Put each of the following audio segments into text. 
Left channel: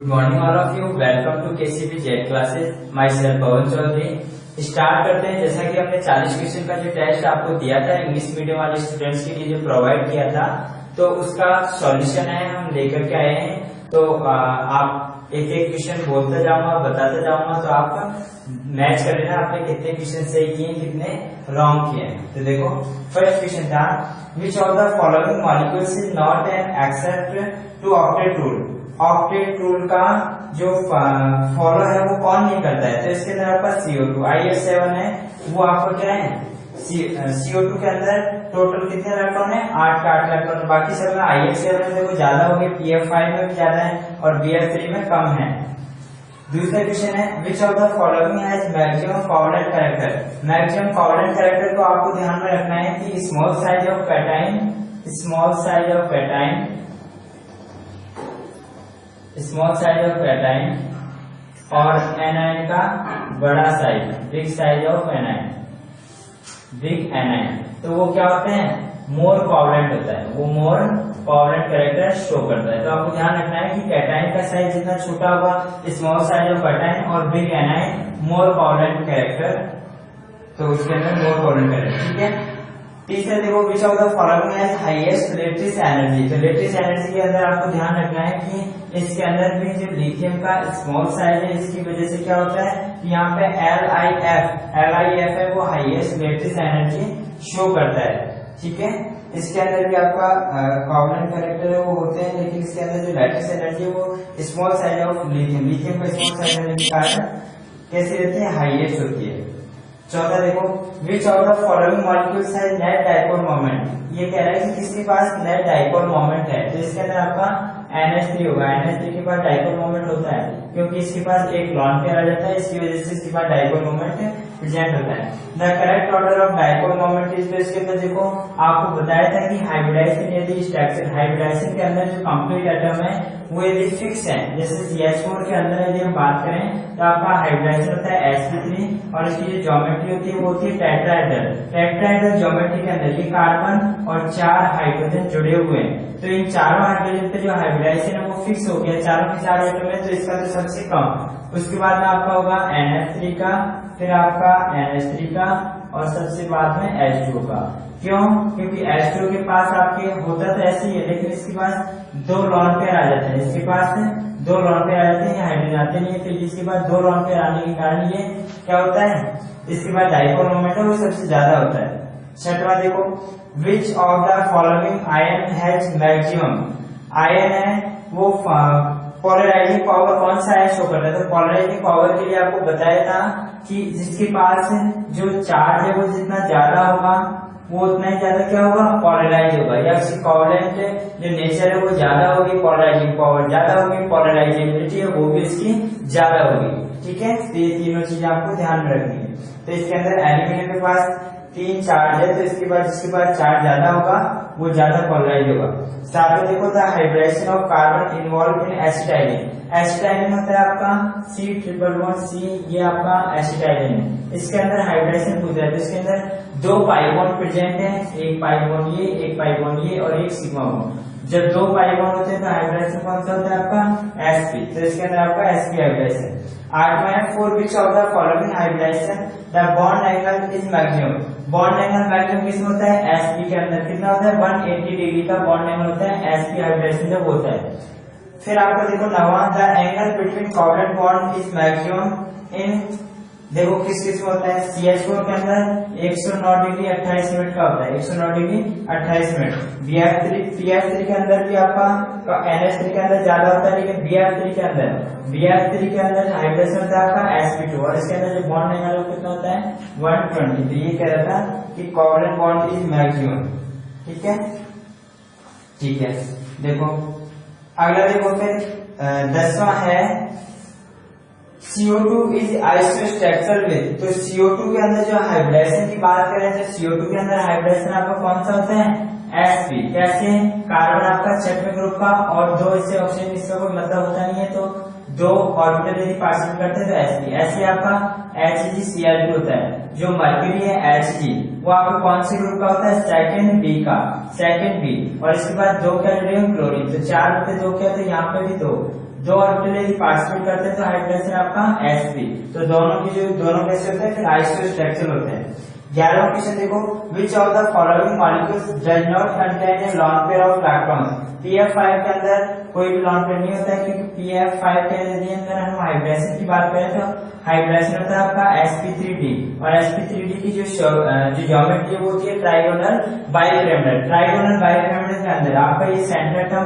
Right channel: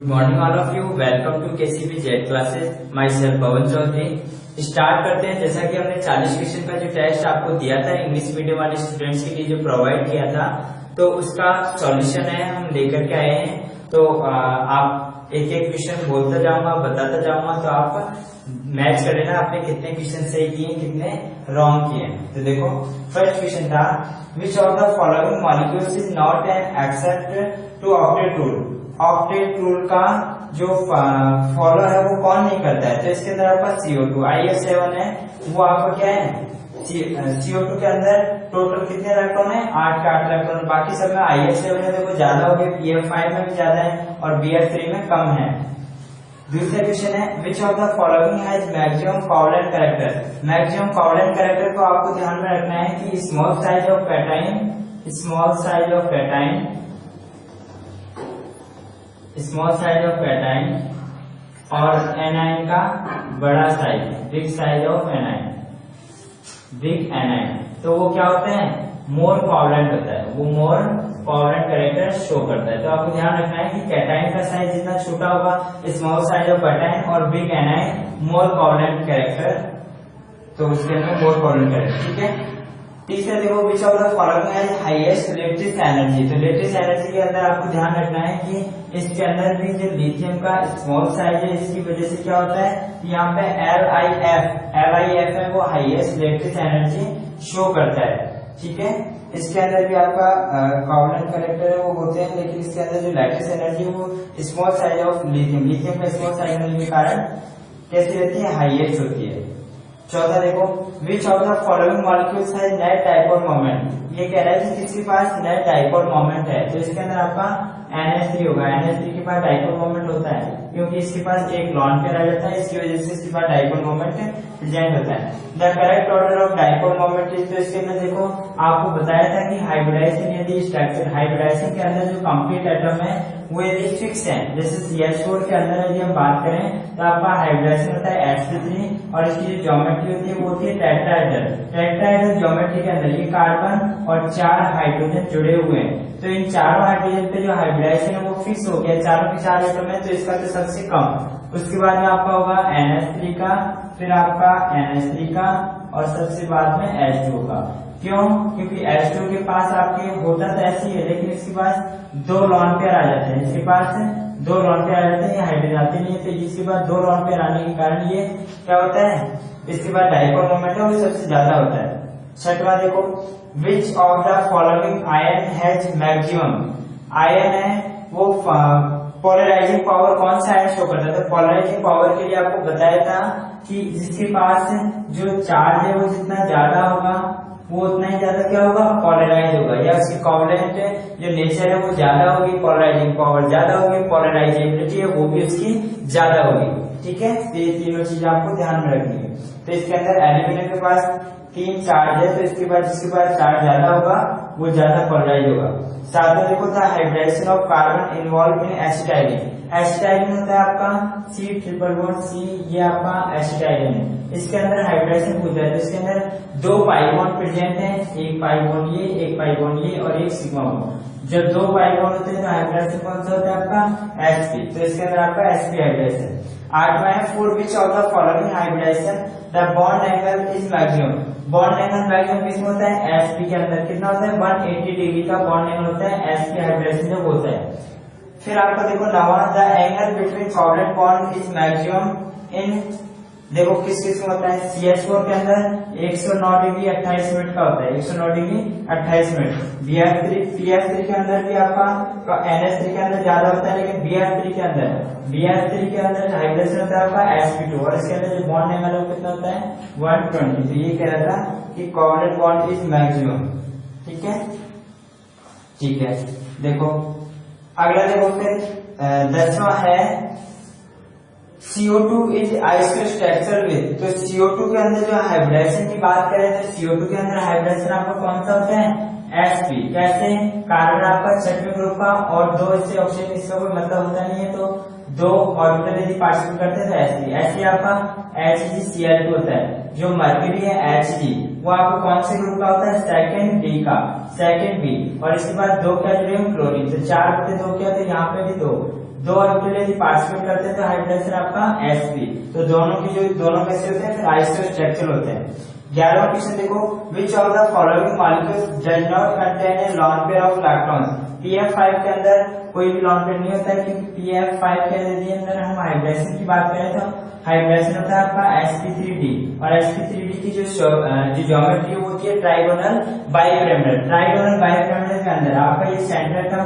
Good morning all of you. Welcome to KCP Z classes. Myself Pavan Chaudhary. Start करते हैं। जैसा कि हमने 40 क्वेश्चन का जो टेस्ट आपको दिया था इंग्लिश मीडियम वाले स्टूडेंट्स के लिए जो प्रोवाइड किया था, तो उसका सॉल्यूशन है हम लेकर के आए हैं। तो आप एक एक क्वेश्चन बोलता जाऊंगा, बताता जाऊंगा, तो आप मैच कर लेना आपने कितने क्वेश्चन सही किए, कितने रॉन्ग किए। तो देखो फर्स्ट क्वेश्चन था, which of the following molecules is not an except to octet rule. Octet rule का जो फॉलो है वो कौन नहीं करता है? तो इसके अंदर आपका CO2 IF7 है, वो आपका क्या है? CO2 के अंदर टोटल कितने इलेक्ट्रॉन है? 8 का 8 इलेक्ट्रॉन। बाकी सब में IF7 है, देखो ज्यादा हो गए, PF5 में भी ज्यादा है और BF3 में कम है। दूसरा क्वेश्चन है, विच of the following has maximum covalent character. Maximum covalent character को आपको ध्यान में रखना है कि स्मॉल साइज ऑफ कैटाइन और एनाइन का बड़ा size, big size of anion, big A9, तो वो क्या होते हैं? मोर कोवैलेंट होता है, वो मोर कोवैलेंट कैरेक्टर शो करता है। तो आपको ध्यान रखना है कि कैटाइन का साइज जितना छोटा होगा, स्मॉल साइज ऑफ कैटाइन, और बिग एनाइन मोर कोवैलेंट कैरेक्टर, तो उसके अंदर मोर कोवैलेंट कैरेक्टर। ठीक है। तीसरा देखो, विच of the following has highest latest energy. तो लेटेस्ट एनर्जी के अंदर आपको ध्यान रखना है कि इसके अंदर भी जो लिथियम का स्मॉल साइज है, इसकी वजह से क्या होता है, यहाँ पे LIF है, वो हाईएस्ट लेटेस्ट एनर्जी शो करता है। ठीक है। इसके अंदर भी आपका कोवैलेंट कैरेक्टर है वो होते हैं, लेकिन इसके अंदर जो लेटेस्ट एनर्जी है वो स्मॉल साइज ऑफ लिथियम में स्मॉल साइज होने के कारण कैसी रहती है? हाईएस्ट होती है। चौथा देखो, विच of the following molecules has net dipole moment. ये कह रहा है कि किसके पास नेट डाइपोल मोमेंट है, तो इसके अंदर आपका NH3 होगा। NH3 के पास डाइपोल मोमेंट होता है क्योंकि इसके पास एक लॉन पेयर आ जाता है, इसकी वजह से इसके पास डाइपोल मोमेंट प्रेजेंट होता है। The correct order of dipole moment is, तो इसके अंदर देखो आपको बताया था कि हाइब्रिडाइजेशन यदि स्ट्रक्चर, हाइब्रिडाइजेशन के अंदर जो कंप्लीट एटम है वो यदि फिक्स है, जैसे CH4 के अंदर यदि हम बात करें तो आपका हाइब्रिडाइजेशन होता है sp3 और इसकी जो ज्योमेट्री होती है वो होती है टेट्राहेड्रल। टेट्राहेड्रल ज्योमेट्री के अंदर ये कार्बन और 4 हाइड्रोजन जुड़े हुए हैं, तो इन चारों हाइड्रोजन पे जो हाइब्रिडाइजेशन है वो फिक्स हो गया, चारों के 4 एटम है, तो इसका तो सबसे कम। उसके बाद में आपका होगा NH3 का, फिर आपका NH3 का, और सबसे बाद में H2 का। क्यों? क्योंकि H2 के पास आपके होता तो ऐसे ही है, लेकिन इसके पास 2 लॉन पेयर आ जाते हैं, इसके पास 2 लॉन पेयर आ जाते हैं, हाइड्रोजन आते नहीं है, तो इसके पास 2 लॉन पेयर आने के कारण ये क्या होता है, इसके बाद डाइपोल मोमेंट है वो सबसे ज्यादा होता है। छठवां देखो, विच of the following ion has maximum. Ion है वो पोलराइजिंग पावर कौन सा है शो करता है? तो पोलराइजिंग पावर के लिए आपको बताया था कि जिसके पास जो चार्ज है वो जितना ज्यादा होगा वो उतना ही ज्यादा क्या होगा? पोलराइज होगा, या उसकी कोवैलेंट जो नेचर है वो ज्यादा होगी, पोलराइजिंग पावर ज्यादा होगी, पोलराइजेबिलिटी है वो भी उसकी ज्यादा होगी। ठीक है। तो ये तीनों चीजें आपको ध्यान में रखनी है। तो इसके अंदर एल्यूमिनियम के पास 3 चार्ज है, तो इसके बाद जिसके पास चार्ज ज्यादा होगा वो ज्यादा पोलराइज होगा। साथ में देखो था hybridization of carbon involve in acetylene. Acetylene होता है आपका C++C, ये आपका एसिटाइलिन है। इसके अंदर हाइब्रिडाइजेशन पूछा है, तो इसके अंदर 2 पाई बॉन्ड प्रेजेंट है, एक पाई बॉन्ड ये, एक पाई बॉन्ड ये, और एक सिग्मा बॉन्ड। जब 2 पाई बॉन्ड होते हैं तो हाइब्रिडाइजेशन कौन सा होता है आपका? sp, तो इसके अंदर आपका sp हाइब्रिडाइजेशन। 8वां है, for which of the following hybridisation the bond angle is maximum. Bond angle maximum किसमें होता है? sp के अंदर कितना होता है? 180 डिग्री का बॉन्ड एंगल होता है sp हाइब्रिडाइजेशन जब होता है। फिर आपको देखो 9वां, the angle between covalent bond is maximum in, देखो किस किस में होता है? CH4 के अंदर 109 डिग्री 28 मिनट का होता है, 109 डिग्री 28 मिनट। PF3 के अंदर भी आपका NH3 के अंदर ज्यादा होता है, लेकिन BF3 के अंदर हाइब्रिडेशन होता है आपका sp2, और इसके अंदर जो बॉन्ड एंगल है वो कितना होता है? 120। तो ये कह रहा था कि कोवैलेंट बॉन्ड इज मैक्सिमम। ठीक है। ठीक है। देखो अगला देखो, फिर 10वां है, CO2 इज आइसोस्ट्रक्चरल विद। तो CO2 के अंदर जो हाइब्रिडाइजेशन की बात करें तो CO2 के अंदर हाइब्रिडाइजेशन आपका कौन सा होता है? sp। कैसे? कार्बन आपका 6वें ग्रुप का और 2 इससे ऑक्सीजन, इसका कोई मतलब होता नहीं है, तो 2 ऑर्बिटल यदि पार्टिसिपेट करते हैं तो sp। ऐसे आपका HgCl2 होता है। जो मर्क्यूरी है Hg, वो आपका कौन से ग्रुप का होता है? सेकंड बी का, सेकंड बी। और इसके बाद 2 क्या जुड़े हैं? क्लोरीन। तो 4 बटे 2 क्या, तो यहाँ पे भी 2, दो ऑर्बिटल यदि पार्टिसिपेट करते हैं तो हाइड्रोजन आपका sp। तो दोनों कैसे होते हैं, फिर आइसोस्ट्रक्चरल होते हैं। 11वां क्वेश्चन देखो, विच of the following molecules does not contain a lawn pair of electrons. pf5 के अंदर कोई भी लॉन पेयर नहीं होता है, क्योंकि pf5 के अंदर हम हाइब्रिडेशन की बात करें तो हाइब्रिडेशन होता है आपका sp3d, और sp3d की जो ज्योमेट्री है वो होती है ट्राइगोनल बाइपिरामिडल। ट्राइगोनल बाइपिरामिडल के अंदर आपका ये सेंटर था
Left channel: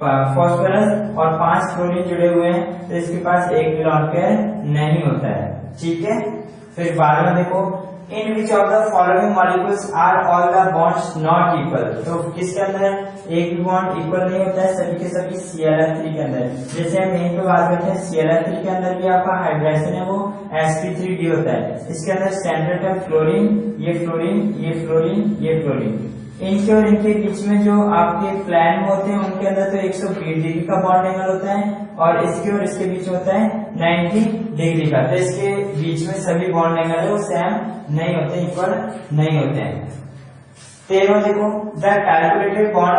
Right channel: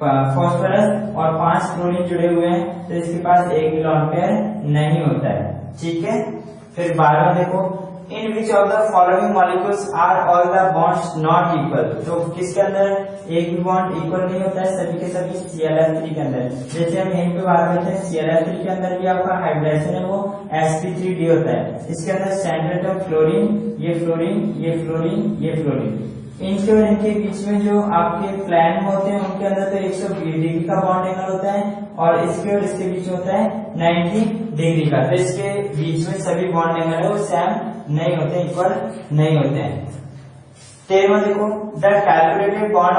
फास्फोरस और 5 फ्लोरीन जुड़े हुए हैं, तो इसके पास एक भी लॉन पेयर नहीं होता है, ठीक है। फिर 12वां देखो, in which of the following molecules are all the bonds not equal. तो किसके अंदर एक भी बॉन्ड इक्वल नहीं होता है, सभी के सभी Cl3 के अंदर। जैसे हम यहीं पे बात करते हैं Cl3 के अंदर भी आपका हाइब्रिडेशन है वो sp3d होता है। इसके अंदर सेंट्रल टर्म फ्लोरीन, ये फ्लोरीन, ये फ्लोरीन, ये फ्लोरीन, इनके और इनके बीच में जो आपके प्लान होते हैं उनके अंदर तो 120 डिग्री का बॉन्ड एंगल होता है, और इसके और इसके बीच होता है 90 डिग्री का। तो इसके बीच में सभी बॉन्ड एंगल है वो सेम नहीं होते, इक्वल नहीं होते हैं। 13वां देखो, the calculated bond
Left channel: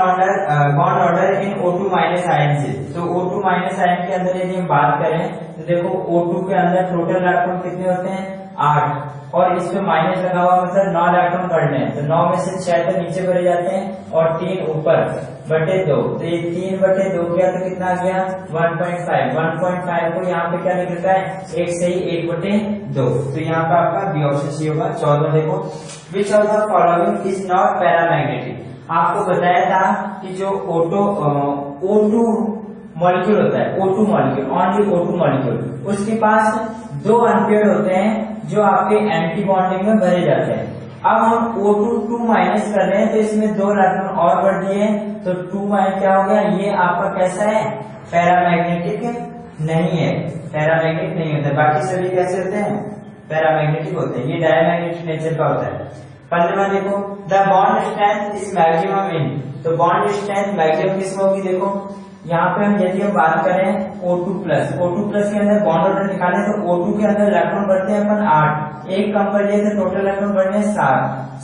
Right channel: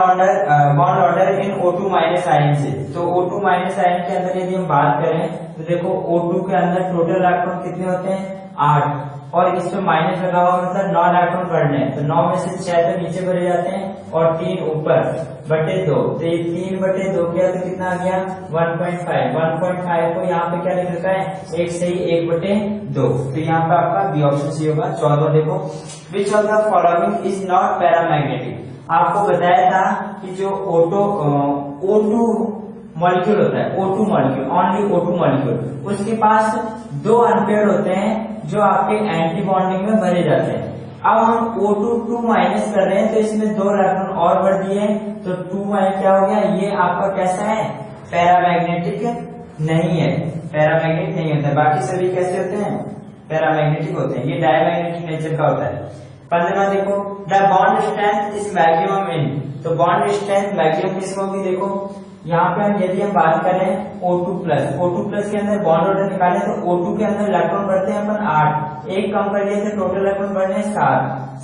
order in O2 minus ion से। तो O2 माइनस आयन के अंदर यदि हम बात करें तो देखो O2 के अंदर टोटल इलेक्ट्रॉन कितने होते हैं, 8, और इसमें माइनस लगा हुआ मतलब 9 इलेक्ट्रॉन पढ़ने हैं, तो 9 में से 6 तो नीचे भरे जाते हैं और 3 ऊपर बटे 2, तो ये 3 बटे 2 किया तो कितना आ गया 1.5। 1.5 को यहाँ पे क्या लिख रखा है, 1 से ही 1 बटे 2, तो यहाँ पे आपका बी ऑप्शन सी होगा। 14 देखो, विच of the following is not paramagnetic. आपको बताया था कि जो O2 मॉलिक्यूल होता है, O2 molecule, only O2 molecule, उसके पास 2 अनपेयर्ड होते हैं जो आपके एंटी बॉन्डिंग में भरे जाते हैं। अब हम O2 2 माइनस कर रहे हैं तो इसमें 2 इलेक्ट्रॉन और बढ़ दिए, तो 2 माइनस क्या हो गया, ये आपका कैसा है, पैरामैग्नेटिक नहीं है, पैरामैग्नेटिक नहीं होता। बाकी सभी कैसे होते हैं, पैरामैग्नेटिक होते हैं, ये डायमैग्नेटिक नेचर का होता है। 15वां देखो, the bond strength is maximum इन। तो बॉन्ड स्ट्रेंथ मैक्सिमम किसमें होगी, देखो यहाँ पे हम यदि हम बात करें O2+ के अंदर बॉन्ड ऑर्डर निकाले तो O2 के अंदर इलेक्ट्रॉन बढ़ते हैं अपन 8, एक कम कर लिए तो टोटल इलेक्ट्रॉन बढ़ने हैं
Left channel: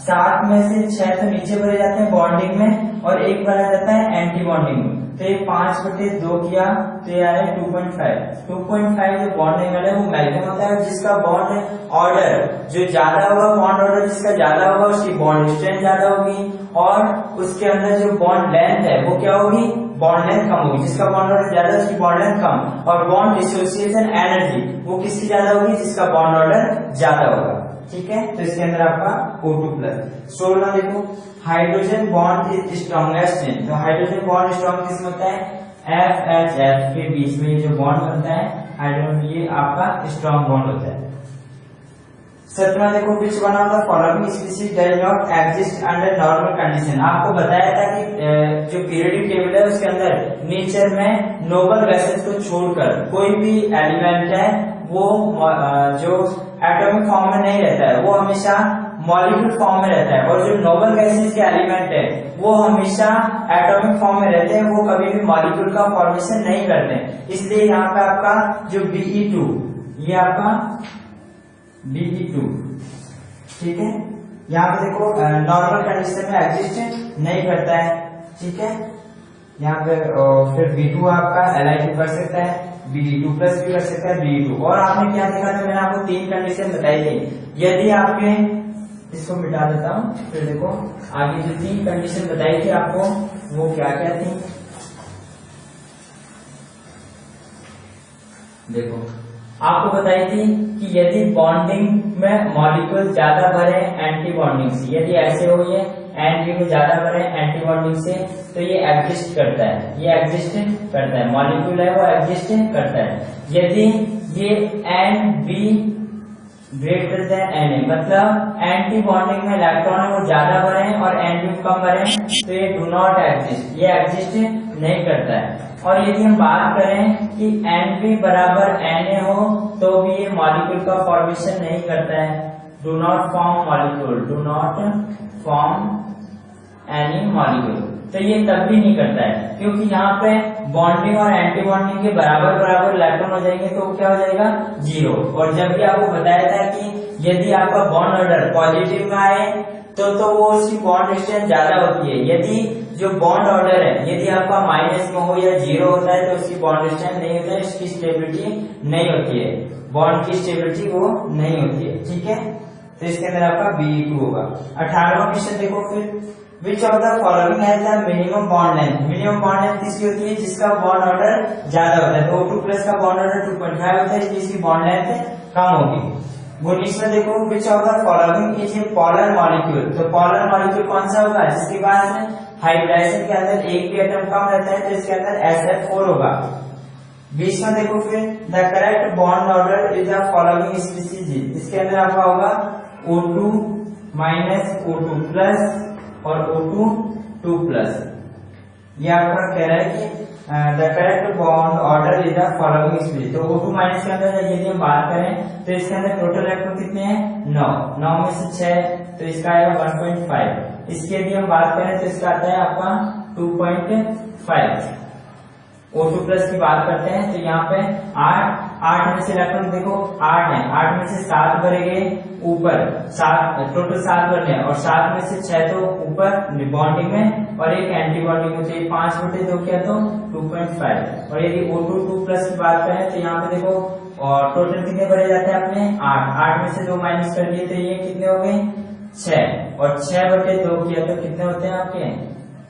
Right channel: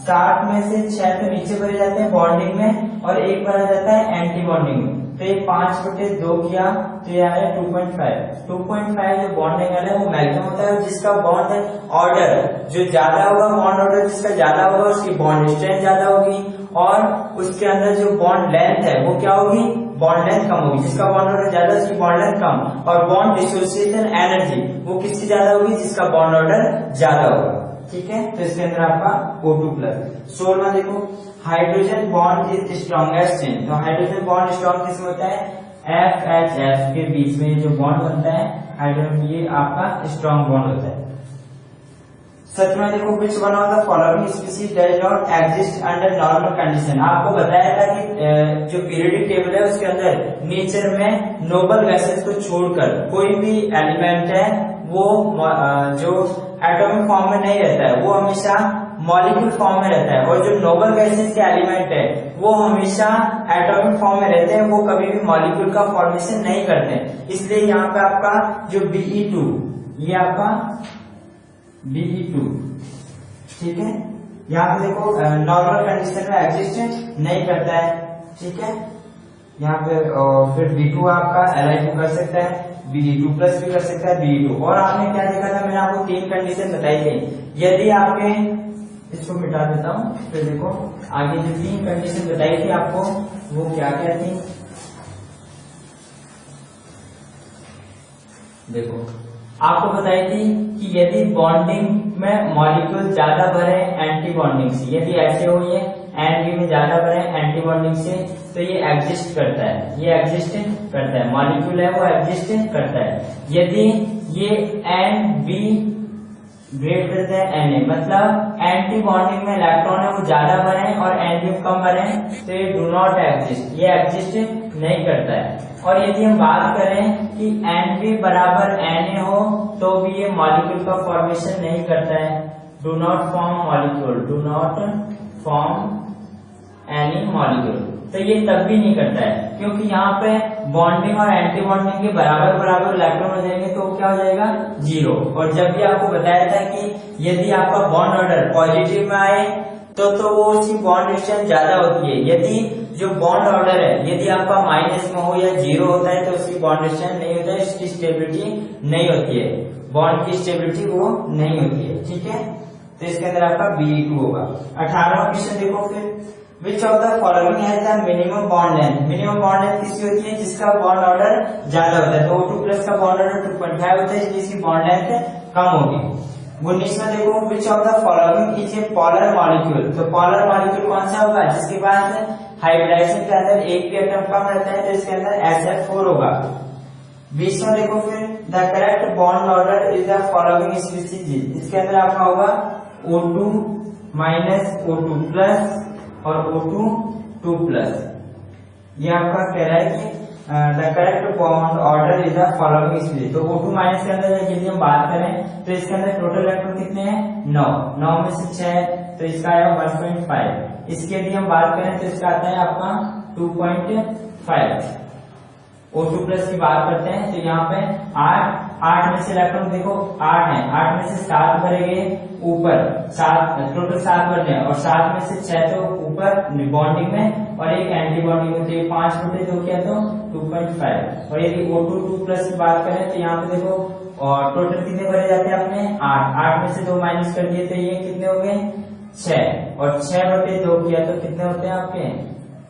7 में से 6 तो नीचे भरे जाते हैं बॉन्डिंग में और एक भरा जाता है एंटी बॉन्डिंग में, तो ये 5 बटे 2 किया तो ये आया 2.5। 2.5 जो बॉन्ड एंगल है वो मैक्सिमम होता है, जिसका बॉन्ड ऑर्डर जो ज्यादा होगा, बॉन्ड ऑर्डर जिसका ज्यादा होगा उसकी बॉन्ड स्ट्रेंथ ज्यादा होगी, और उसके अंदर जो बॉन्ड लेंथ है वो क्या होगी, बॉन्ड लेंथ कम होगी। जिसका बॉन्ड ऑर्डर ज्यादा उसकी बॉन्ड लेंथ कम, और बॉन्ड डिसोसिएशन एनर्जी वो किसकी ज्यादा होगी, जिसका बॉन्ड ऑर्डर ज्यादा होगा, ठीक है। तो इसके अंदर आपका O2+। 16वां देखो, hydrogen bond is strongest in. तो हाइड्रोजन बॉन्ड स्ट्रॉन्ग किसमें होता है, FHF के बीच में जो बॉन्ड बनता है हाइड्रोजन, ये आपका स्ट्रॉन्ग बॉन्ड होता है। 17वां देखो, which one of the following species does not exist under normal condition. आपको बताया था कि जो पीरियोडिक टेबल है उसके अंदर नेचर में नोबल गैसेस को छोड़कर कोई भी एलिमेंट है वो जो एटॉमिक फॉर्म में नहीं रहता है, वो हमेशा मॉलिक्यूल फॉर्म में रहता है, और जो नोबल गैसेस के एलिमेंट है वो हमेशा एटॉमिक फॉर्म में रहते हैं, वो कभी भी मॉलिक्यूल का फॉर्मेशन नहीं करते। इसलिए यहाँ पे आपका जो Be2, ये आपका Be2, ठीक है। यहाँ पे देखो नॉर्मल कंडीशन में एग्जिस्ट नहीं करता है, ठीक है। यहाँ पे फिर B2 आपका Li2 कर सकता है, Be2+ भी कर सकता है, Be2। और आपने क्या देखा था, मैंने आपको 3 कंडीशन बताई थी। यदि आपके, इसको मिटा देता हूँ, फिर देखो आगे जो 3 कंडीशन बताई थी आपको वो क्या क्या थी, देखो आपको बताई थी कि यदि बॉन्डिंग में मॉलिक्यूल ज्यादा भरे एंटी बॉन्डिंग से, यदि ऐसे हो ये एंड में ज्यादा भरे एंटी बॉन्डिंग से, तो ये एग्जिस्ट करता है, ये एग्जिस्ट करता है, मॉलिक्यूल है वो एग्जिस्ट करता है। यदि ये and B greater than N, मतलब एंटी बॉन्डिंग में इलेक्ट्रॉन है वो ज्यादा भरे और एंड बी कम भरे, तो ये डू नॉट एग्जिस्ट, ये एग्जिस्ट नहीं करता है। और यदि हम बात करें कि एन बी बराबर एन हो तो भी ये मॉलिक्यूल का फॉर्मेशन नहीं करता है, do not form molecule, do not form any molecule, तो ये तब भी नहीं करता है, क्योंकि यहाँ पे बॉन्डिंग और एंटी बॉन्डिंग के बराबर बराबर इलेक्ट्रॉन हो जाएंगे तो क्या हो जाएगा 0। और जब भी आपको बताया था कि यदि आपका बॉन्ड ऑर्डर पॉजिटिव में आए तो वो उसकी बॉन्ड स्ट्रेंथ ज्यादा होती है, यदि जो बॉन्ड ऑर्डर है यदि आपका माइनस में हो या जीरो होता है तो उसकी बॉन्ड डिस्टेंस नहीं होता है, इसकी स्टेबिलिटी नहीं होती है, बॉन्ड की स्टेबिलिटी वो नहीं होती है। ठीक है, तो इसके अंदर आपका Be2 होगा। 18वां क्वेश्चन देखो फिर, विच of the following has the minimum bond length. Minimum bond length किसकी होती है, जिसका बॉन्ड ऑर्डर ज्यादा होता है। तो O2 प्लस का बॉन्ड ऑर्डर 2.5 होता है, इसलिए इसकी बॉन्ड लेंथ कम होगी। 19 में देखो, विच of the following is a polar molecule. तो पोलर मॉलिक्यूल कौन सा होगा, जिसके पास हाइब्रिडाइजेशन के अंदर एक भी एटम कम रहता है, तो इसके अंदर SF4 होगा। 20 में देखो फिर, the correct bond order is the following species. इसके अंदर आपका होगा O2 माइनस O2 प्लस और O2 2 प्लस। ये आपका कह रहा है कि the correct bond order is the following species. तो O2 माइनस के अंदर यदि हम बात करें तो इसके अंदर टोटल इलेक्ट्रॉन कितने हैं, 9 में से 6, तो इसका आया 1.5। इसकी यदि हम बात करें तो इसका आता है आपका 2.5। O2 प्लस की बात करते हैं तो यहाँ पे 8 में से इलेक्ट्रॉन देखो 8 है, 8 में से 7 भरे गए ऊपर, 7 टोटल 7 भरने हैं, और 7 में से 6 तो ऊपर बॉन्डिंग में और एक एंटी बॉन्डिंग में, तो ये 5/2 किया तो 2.5। और यदि O2 2 प्लस की बात करें तो यहाँ पे देखो और टोटल कितने भरे जाते हैं अपने 8 में से 2 माइनस कर दिए तो ये कितने हो गए 6, और 6/2 किया तो कितने होते हैं आपके,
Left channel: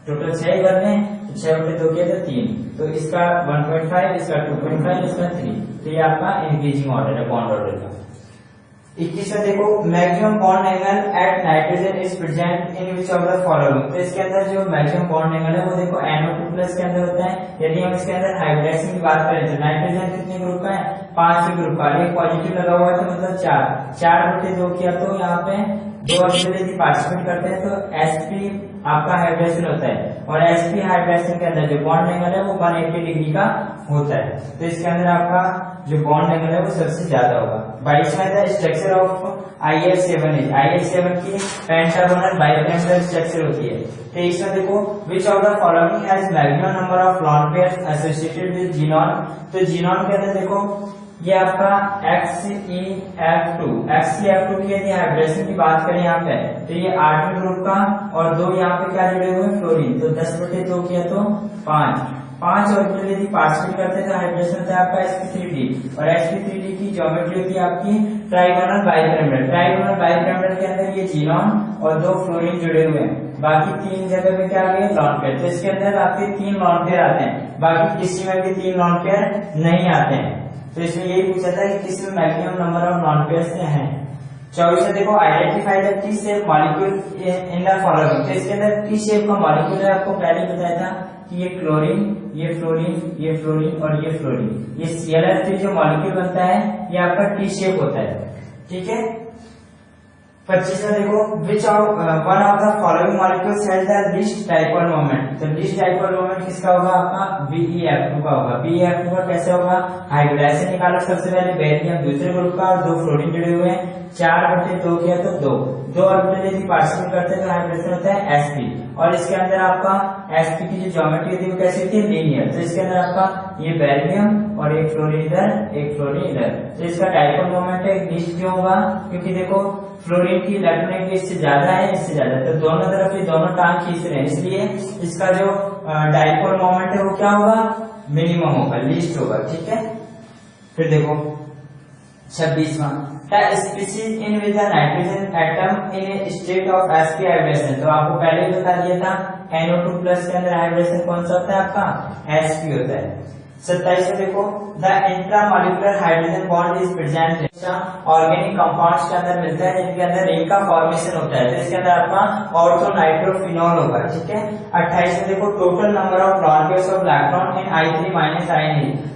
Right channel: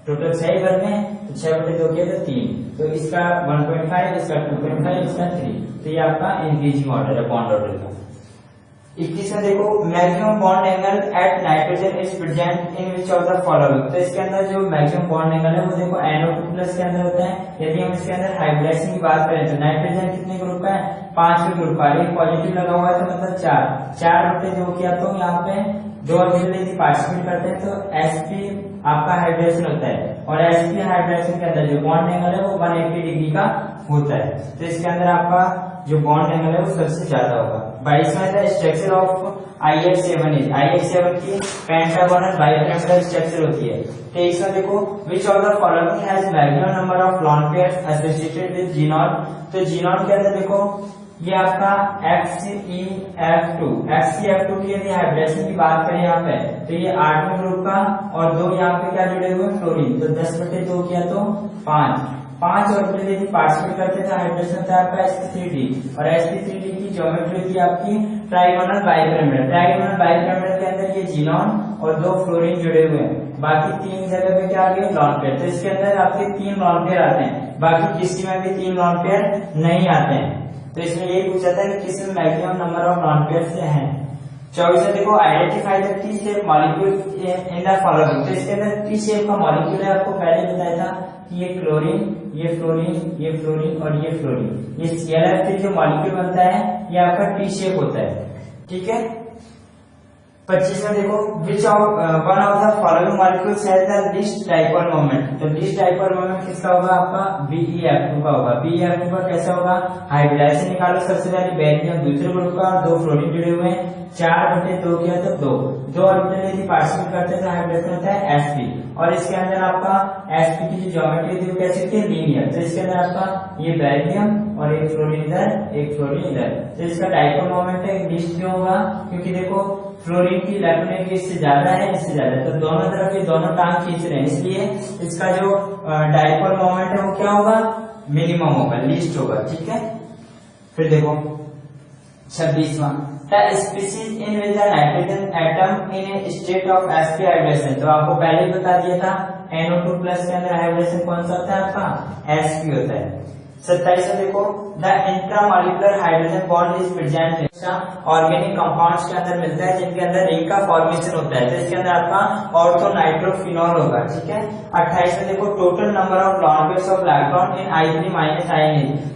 टोटल 6 ही भरने हैं, तो 6/2 किया तो 3, तो इसका 1.5, इसका 2.5, इसका 3। तो ये आपका इंक्रीजिंग ऑर्डर है बॉन्ड ऑर्डर का। 21 में देखो, maximum bond angle at nitrogen is present in which of the following. तो इसके अंदर जो मैक्सिमम बॉन्ड एंगल है वो देखो NO2 प्लस के अंदर होता है। यदि हम इसके अंदर हाइब्रिडाइजेशन की बात करें तो नाइट्रोजन कितने ग्रुप का है, 5 ग्रुप का, एक पॉजिटिव लगा हुआ है तो मतलब 4/2 किया तो यहाँ पे 2 ऑर्बिटल यदि पार्टिसिपेट करते हैं तो sp आपका हाइब्रिडेशन होता है, और sp हाइब्रिडेशन के अंदर जो बॉन्ड एंगल है वो 180 डिग्री का होता है। तो इसके अंदर आपका जो बॉन्ड एंगल है वो सबसे ज्यादा होगा। 22 में था स्ट्रक्चर ऑफ IF7 IF7 की पेंटागोनल बाइपिरामिडल स्ट्रक्चर होती है। 23 में देखो, विच of the following has maximum number of lawn pairs associated with xenon. तो जीनॉन के अंदर देखो ये आपका XCF2 की यदि हाइब्रिडेशन की बात करें यहाँ पे तो ये 8वें ग्रुप का, और 2 यहाँ पे क्या जुड़े हुए फ्लोरीन, तो 10/2 किया तो 5 ऑर्बिटल यदि पार्टिसिपेट करते हैं तो हाइब्रिडेशन होता है आपका sp3d, और sp3d की ज्योमेट्री होती है आपकी ट्राइगोनल बाइपिरामिडल। ट्राइगोनल बाइपिरामिडल के अंदर ये जीनॉन और 2 फ्लोरीन जुड़े हुए हैं, बाकी 3 जगह पे क्या आ गए लॉन पेयर। तो इसके अंदर आपके 3 लॉन पेयर आते हैं, बाकी किसी में भी 3 लॉन पेयर नहीं आते हैं। तो इसमें यही पूछा था कि किस में maximum number of lawn pairs हैं। 24 में देखो, identify the T shape molecule in the following. तो इसके अंदर टी शेप का मॉलिक्यूल है, आपको पहले बताया था कि ये क्लोरीन, ये फ्लोरीन, ये फ्लोरीन और ये फ्लोरीन, ये ClF3 जो मॉलिक्यूल बनता है ये आपका टी शेप होता है। ठीक है, 25 में देखो, which one of the following molecules has the least dipole moment. तो लीस्ट डाइपोल मोमेंट किसका होगा, आपका BeF2 का होगा। BeF2 का कैसे होगा, हाइब्रिडाइजेशन निकालो सबसे पहले, बेरियम दूसरे ग्रुप का और 2 फ्लोरीन जुड़े हुए हैं, 4/2 किया तो 2 ऑर्बिटल यदि पार्टिसिपेट करते हैं तो हाइब्रिडेशन होता है sp, और इसके अंदर आपका sp की जो ज्योमेट्री होती है वो कैसी होती है, लीनियर। तो इसके अंदर आपका ये बेरियम और एक फ्लोरीन इधर, एक फ्लोरीन इधर, तो इसका डाइपोल मोमेंट है लीस्ट क्यों होगा, क्योंकि देखो फ्लोरीन की इलेक्ट्रॉनिक इससे ज्यादा है, इससे ज्यादा, तो दोनों तरफ ये दोनों टांग खींच रहे हैं, इसलिए इसका जो डाइपोल मोमेंट है वो क्या होगा, मिनिमम होगा, लीस्ट होगा। ठीक है, फिर देखो 26वां, the species in which the nitrogen atom in a state of sp hybridisation. तो आपको पहले ही बता दिया था NO2 प्लस के अंदर हाइब्रिडेशन कौन सा होता है, आपका sp होता है। 27 में देखो, the intramolecular hydrogen bond is present organic compounds के अंदर मिलता है जिनके अंदर रिंग का फॉर्मेशन होता है, तो इसके अंदर आपका ऑर्थोनाइट्रोफिनॉल होगा। ठीक है, 28 में देखो, total number of lawn pairs of electron in I3 minus I।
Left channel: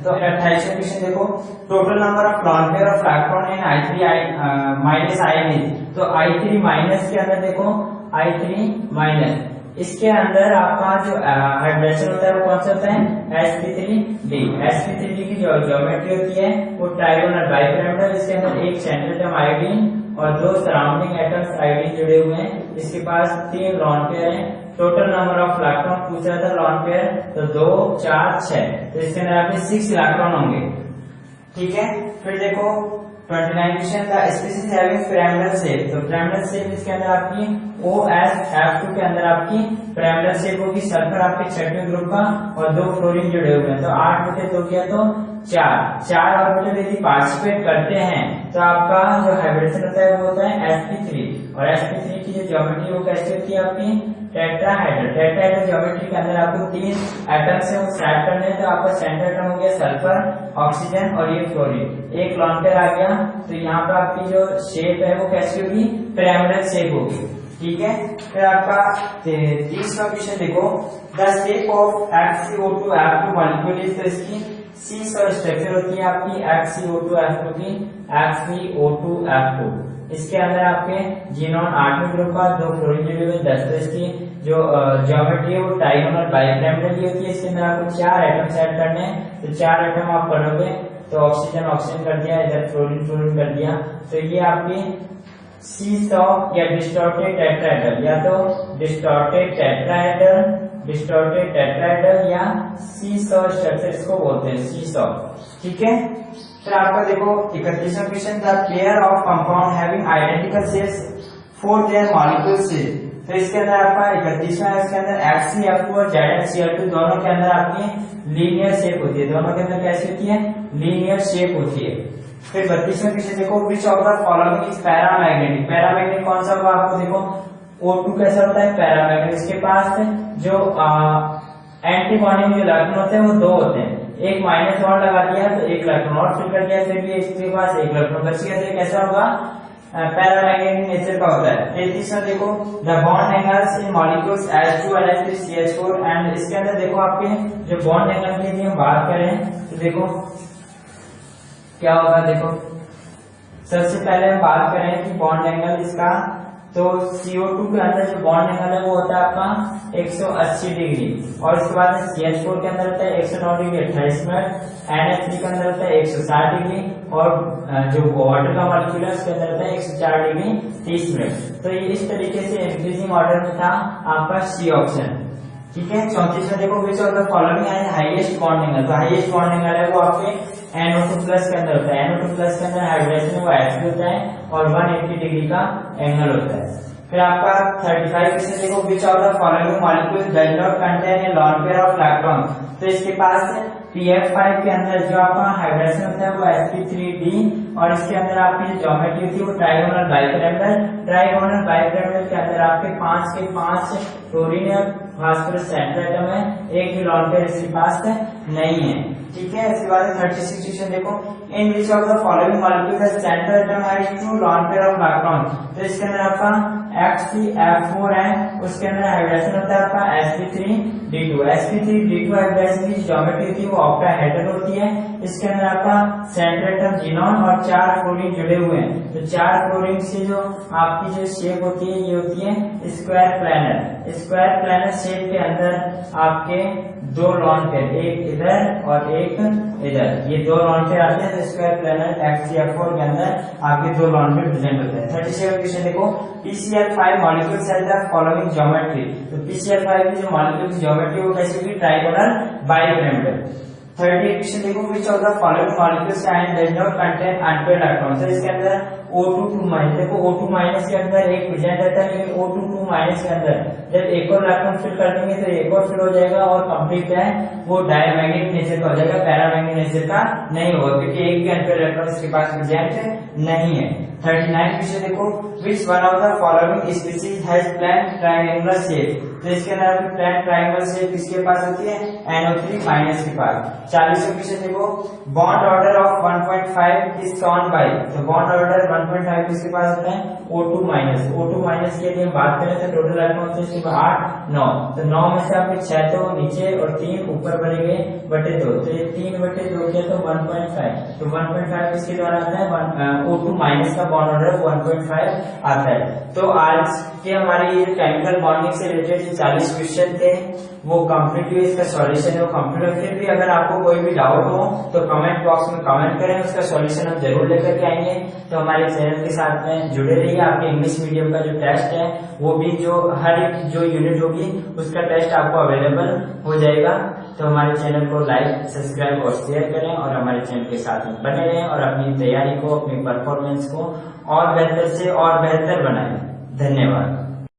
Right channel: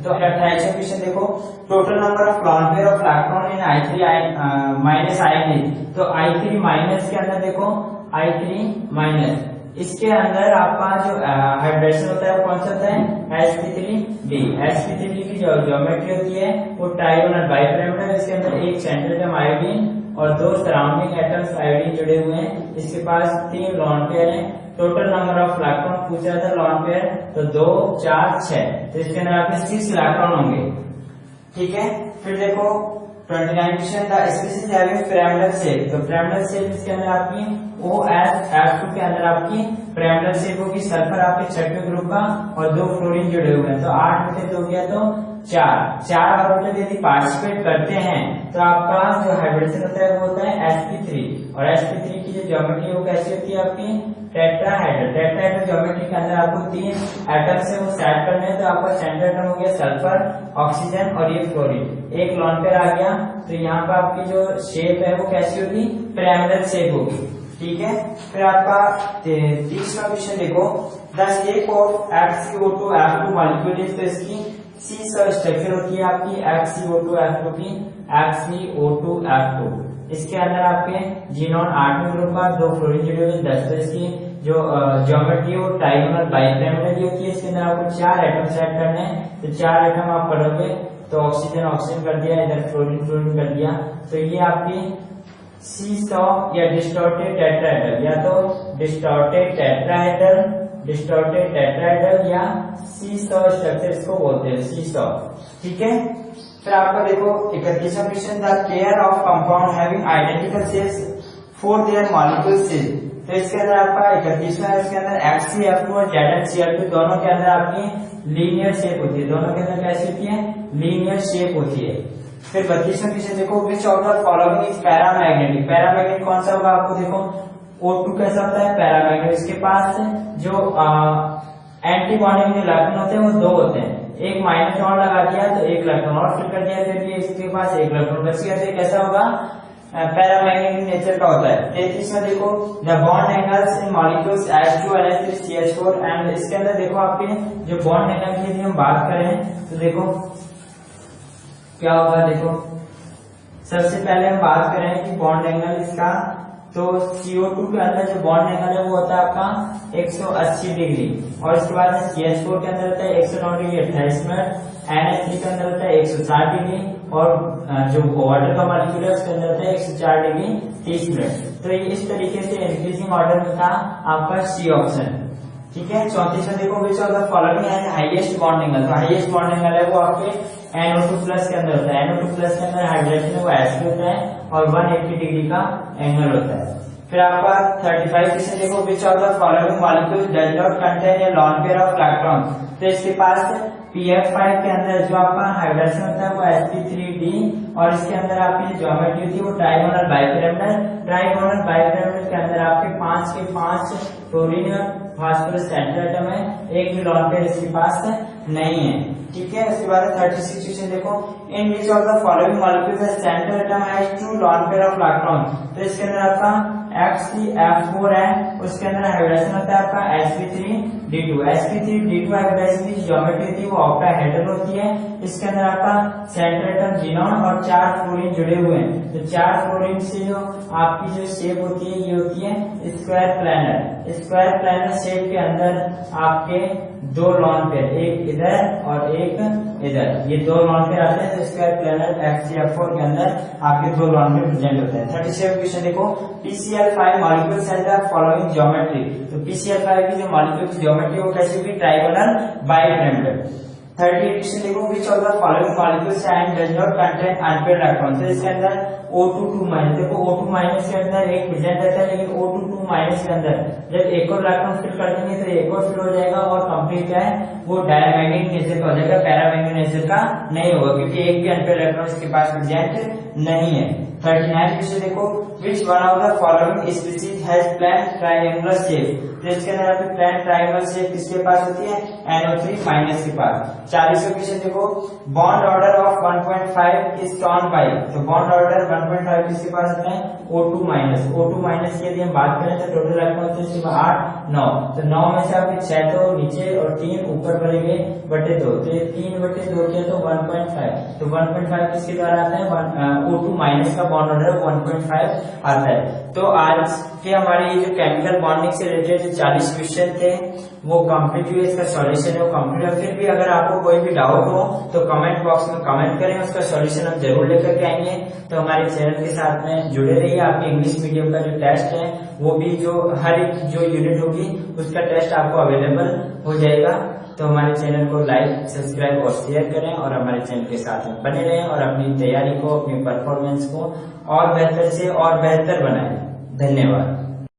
तो 28 में क्वेश्चन देखो, total number of lawn pair of electron in I3 minus I। तो I3 माइनस के अंदर देखो, I3 माइनस, इसके अंदर आपका जो हाइब्रिडेशन होता है वो कौन सा होता है, sp3d। sp3d की जो ज्योमेट्री होती है वो ट्राइगोनल बाइपिरामिडल, इसके अंदर एक सेंट्रल एटम आयोडीन और 2 सराउंडिंग एटम्स आयोडीन जुड़े हुए हैं, इसके पास 3 लॉन पेयर हैं। टोटल नंबर ऑफ इलेक्ट्रॉन पूछ रहा था लॉन पेयर, तो 2 4 6, तो इसके अंदर आपके 6 इलेक्ट्रॉन होंगे। ठीक है। फिर देखो 29 क्वेश्चन था, स्पीशीज हैविंग पिरामिडल शेप। तो पिरामिडल शेप इसके अंदर आपकी OF2 के अंदर आपकी पिरामिडल शेप होगी। सल्फर आपके छठवें ग्रुप का और 2 फ्लोरीन जुड़े हुए हैं, तो 8 में से 2 किया तो 4 ऑर्बिटल यदि पार्टिसिपेट करते हैं तो आपका जो हाइब्रिडेशन होता है वो होता है sp3। और sp3 की जो ज्योमेट्री वो कैसी होती है आपकी टेट्राहेड्रल। टेट्राहेड्रल ज्योमेट्री के अंदर आपको 3 एटम से वो सेट करने हैं, तो आपका सेंटर एटम हो गया सल्फर, ऑक्सीजन और ये फ्लोरीन, एक लॉन पेयर आ गया। तो यहाँ पे आपकी जो शेप है वो कैसी होगी, पिरामिडल शेप होगी। ठीक है। फिर आपका 30वां क्वेश्चन देखो, the shape of HCO2F2 molecule is, तो इसकी सी सब स्ट्रक्चर होती है आपकी HCO2F2 की, HCO2F2। इसके अंदर आपके जीनोन 8वें ग्रुप का, 2 फ्लोरीन जुड़े हुए 10। तो इसकी जो ज्योमेट्री है वो ट्राइगोनल बाइपिरामिडल की होती है। इसके अंदर आपको 4 एटम सेट करने हैं, तो 4 एटम आप करोगे तो ऑक्सीजन ऑक्सीजन कर दिया, इधर फ्लोरीन फ्लोरीन कर दिया। तो ये आपकी सी100 या डिस्टॉर्टेड टेट्राहेड्रल, या तो डिस्टॉर्टेड टेट्राहेड्रल या सी100 स्ट्रक्चर इसको बोलते हैं, सी100। ठीक है। फिर आपका देखो 31वां क्वेश्चन था, pair of compound having identical shapes for their molecules. तो इसके अंदर आपका 31वां है, इसके अंदर FCF2 और ZnCl2 दोनों के अंदर आपकी लीनियर शेप होती है। दोनों के अंदर कैसी होती है, लीनियर शेप होती है। फिर 32वां क्वेश्चन देखो, विच of the following is paramagnetic. Paramagnetic कौन सा होगा, आपको देखो O2 कैसा होता है पैरामैग्नेटिक, इसके पास जो एंटी बॉन्डिंग जो इलेक्ट्रॉन होते हैं वो 2 होते हैं, एक माइनस और लगा दिया तो एक इलेक्ट्रॉन और फिल कर दिया, फिर ये इसके पास एक इलेक्ट्रॉन बच गया, तो कैसा होगा, पैरामैग्नेटिक नेचर का होता है। 33वां देखो, the bond angles in molecules H2 NH3 CH4 and, इसके अंदर देखो आपके जो बॉन्ड एंगल की यदि हम बात करें तो देखो क्या होगा। देखो सबसे पहले हम बात करें कि बॉन्ड एंगल इसका, तो CO2 के अंदर जो बॉन्ड एंगल है वो होता है आपका 180 डिग्री, और इसके बाद CH4 के अंदर होता है 109 डिग्री 28 मिनट, NH3 के अंदर होता है 160 डिग्री, और जो वाटर का मॉलिक्यूल है उसके अंदर होता है 104 डिग्री 30 मिनट। तो ये इस तरीके से इंक्रीजिंग ऑर्डर में था आपका सी ऑप्शन। ठीक है। 34वां देखो, विच ऑफ द फॉलोइंग है हाईएस्ट बॉन्ड एंगल। तो हाईएस्ट बॉन्ड एंगल है वो आपके NO2 प्लस के अंदर होता है। NO2 प्लस के अंदर हाइड्रेशन है वो Sp होता है और 180 डिग्री का एंगल होता है। फिर आपका 35 क्वेश्चन देखो, विच of the following molecule does not contain a lawn pair of electron. तो इसके पास PF5 के अंदर जो आपका हाइड्रेशन होता है वो sp3d, और इसके अंदर आपकी ज्योमेट्री होती है वो ट्राइगोनल बाइपिरामिडल। ट्राइगोनल बाइपिरामिडल के अंदर आपके 5 के 5 फ्लोरीन और फास्फोरस सेंटर एटम है, एक भी लॉन पेयर इसके पास नहीं है। ठीक है। इसके बाद 36 क्वेश्चन देखो, in which of the following molecule the centre atom has 2 lone pair of electron. तो इसके अंदर आपका HCF4 है, उसके अंदर हाइड्रेशन होता है आपका sp3d2। sp3d2 हाइड्रेशन की ज्योमेट्री होती है वो ऑक्टाहेड्रल होती है। इसके अंदर आपका सेंटर एटम जीनोन और 4 फ्लोरीन जुड़े हुए हैं, तो 4 फ्लोरीन से जो आपकी जो शेप होती है ये होती है square planar. Square planar shape के अंदर आपके 2 लॉन पेयर, एक इधर और एक इधर, ये 2 लॉन पेयर आते हैं। तो स्क्वायर प्लैनर HCF4 के अंदर आपके 2 लॉन पेयर प्रेजेंट होते हैं। 37 क्वेश्चन देखो, PCl5 molecules have the following geometry. तो PCl5 की जो मॉलिक्यूल की ज्योमेट्री वो कैसी होगी, ट्राइगोनल बाइपिरामिडल। 30 क्वेश्चन देखो, विच of the following molecules and does not contain unpaired electron. तो इसके अंदर O2 देखो O2- के अंदर एक प्रेजेंट रहता है, लेकिन O2 के अंदर जब एक और इलेक्ट्रॉन फिल कर देंगे तो एक और फिल हो जाएगा और कंप्लीट क्या है वो डायमैग्नेटिक नेचर का हो जाएगा, पैरामैग्नेटिक नेचर का नहीं होगा, क्योंकि एक भी अनपेयर्ड इलेक्ट्रॉन इसके पास प्रेजेंट नहीं है। 39 क्वेश्चन देखो, which one of the following species has plane triangular shape. तो इसके अंदर आपकी प्लेन ट्रायंगुलर शेप किसके पास होती है, NO3- के पास। 40 क्वेश्चन देखो, बॉन्ड ऑर्डर ऑफ 1.5 इज कौन बाई। तो बॉन्ड ऑर्डर 1.5 किसके पास होता है, O2- की यदि हम बात करें तो टोटल इलेक्ट्रॉन होते हैं इसके 8 9, तो 9 में से आपके 6 तो नीचे और 3 ऊपर बनेंगे बटे 2, तो ये 3/2 किया तो 1.5, तो 1.5 किसके द्वारा आता है, O2- का बॉन्ड ऑर्डर 1.5 आता है। तो आज के हमारे ये केमिकल बॉन्डिंग से रिलेटेड 40 क्वेश्चन थे वो कंप्लीट हुए, इसका सॉल्यूशन है वो कंप्लीट है। फिर भी अगर आपको कोई भी डाउट हो तो कमेंट बॉक्स में कमेंट करें, उसका सॉल्यूशन हम जरूर लेकर के आएंगे। तो हमारे चैनल के साथ में जुड़े रहिए। आपके इंग्लिश मीडियम का जो टेस्ट है वो भी जो हर एक जो यूनिट होगी उसका टेस्ट आपको अवेलेबल हो जाएगा। तो हमारे चैनल को लाइक, सब्सक्राइब और शेयर करें और हमारे चैनल के साथ में बने रहें और अपनी तैयारी को, अपनी परफॉर्मेंस को और बेहतर से और बेहतर बनाएं। धन्यवाद।